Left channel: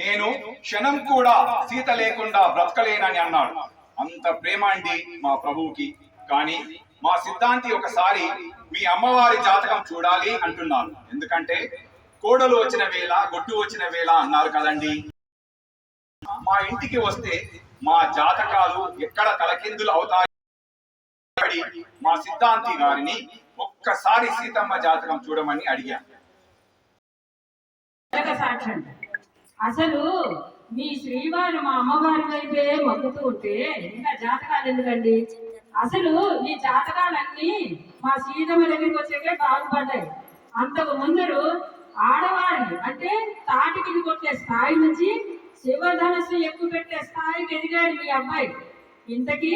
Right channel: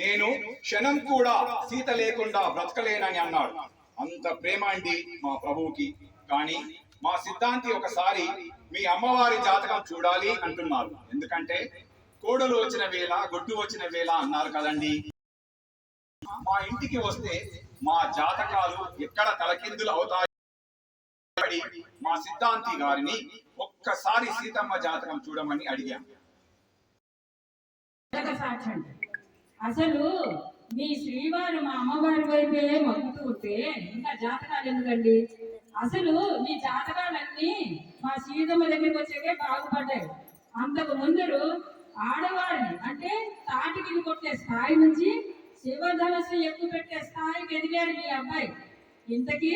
నేను క్షణం కూడా సీత లేకుండా బ్రతకలేనని అన్నాడు. అంత ప్రేమ అండి మా ప్రభువుకి. కానీ మా సిద్ధాంతి ఒకసారి మీ అమ్మవారి జాతకం చూడాలి అంటున్నారు. ఎందుకంటే కోడలు వచ్చిన వేళ గొడ్డు వచ్చిన వేళ అన్నారు కదండి. మా ఇంటికి వస్తే మా జాతకాలు ఎక్కడ తలకిందులు అవుతాయి. మా సిద్ధాంతి గారిని ఒక్కసారి సీతమ్మ జాతకం చూడమని అడిగాను. అసలు మీ శ్రీవారు మా అమ్మవారి వైపే మొక్కుతూ ఉంటే ఇంకా జాతకాలు ఎందుకండి? అసలు ఈ జాతకాలన్నీ మా సీతమ్మ దగ్గరికి వచ్చాకే బాగుపడ్డాయి. అంతకు ముందరు ఆడవారిని అంటే తాటికి కొట్టే స్థాయి నుంచి శివధనస్సు ఎక్కువ పెట్టే స్థాయికి ఎదిగాడు మీ అబ్బాయి. ఇంతకీ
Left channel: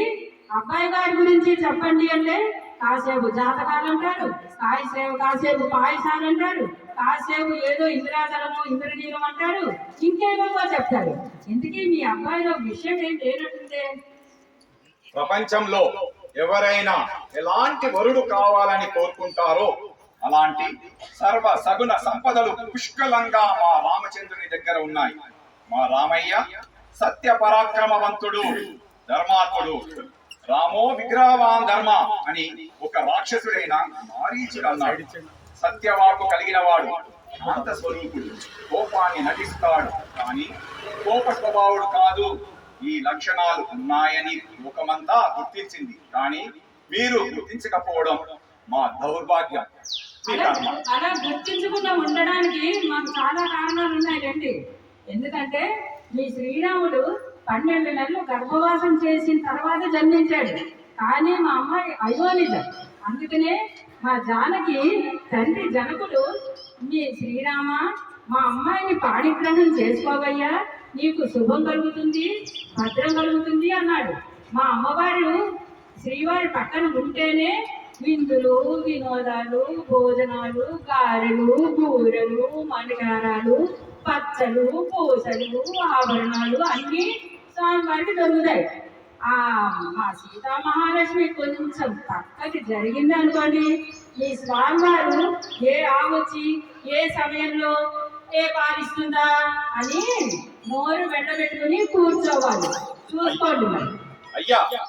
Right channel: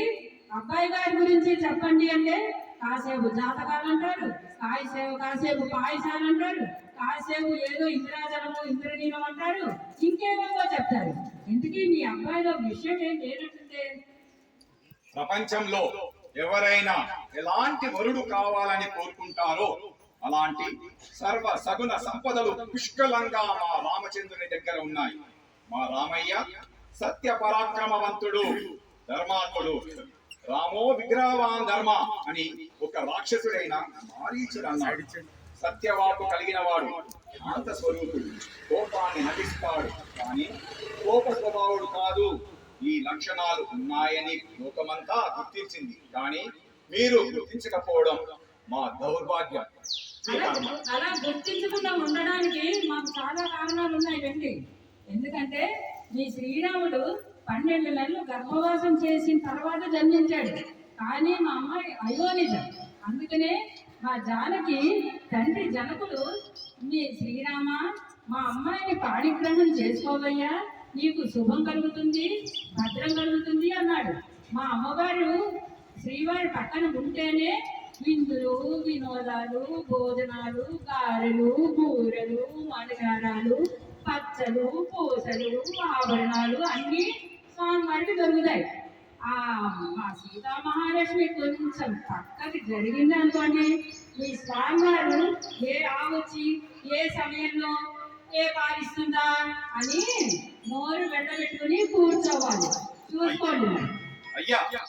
అబ్బాయి గారి గురించి చెప్పండి అంటే కాసేపు జాతకాలు అంటారు, కాసేపు పాయసాలు అంటారు, కాసేపు ఏదో ఇంద్రాజలము ఇంద్రనీలం అంటారు, ఇంకేమో చెప్తారు. ఇంతకీ మీ అబ్బాయిలో విషయం ఏం లేనట్టుందే. ప్రపంచంలో ఎవరైనా ఎలాంటి వరుడు కావాలని కోరుకుంటారో అలాంటి సర్వ సగుణ సంపదలు పుష్కలంగా మా రామచంద్రుని దగ్గర ఉన్నాయి. మా రామయ్య సత్య పరాక్రమవంతుడు, ధర్మాత్ముడు. రామో విగ్రహవాన్ ధర్మ అని ఒక రాక్షసుడైన మారీచుడు అన్నాడు. సత్యవాకు కలిగిన వాడు, శాంత స్వరూపుడు, కోపాన్ని నటిస్తాడు కానీ కోప స్వభావుడు కాదు. ఈ లక్షణాలు ఉన్నాయని లోకమంతా గుర్తించింది, కానీ మీరు గుర్తించకపోవడం మా దౌర్భాగ్యం. అలా గుర్తించకుండా ఉండడానికి మాకు చాలా కారణాలు ఉన్నాయండి. ఎందుకంటే మీ శ్రీరాముడు 12 నెలలు గర్భవాసం చేసిన తర్వాత జన్మించాడు. కానీ మా అమ్మాయి అయోనిజ. అందుకనే మా జానకి తండ్రి జనకుడు మీ శ్రీరామ మా అమ్మాయిని పాణిగ్రహణం చేసుకోవయ్యా, నీకు శుభం కలుగుతుంది, భద్రం కలుగుతుంది అన్నాడు. మా అమ్మవారు శ్రీవారి పక్కన ఉంటేనే విందులు, వినోదాలు, భోజనాలు, గారెలు, బూరెలు, మణిగారాలు, పచ్చలు, పూసలు, ఆభరణాలు అన్నీ స్వామివారికి దొరుకుతాయి. మా సీతా మహాలక్ష్మి కొంచెం పక్కకి జరిగింది అనుకోండి, ఈ స్వామివారు ఏ ఆవచ్చి ఏ సమయంలో ఏ పాలిస్తుందా అని నోరు వెంటబెట్టుకుని కూర్చోవాలి. చూసుకోండి. అయ్యా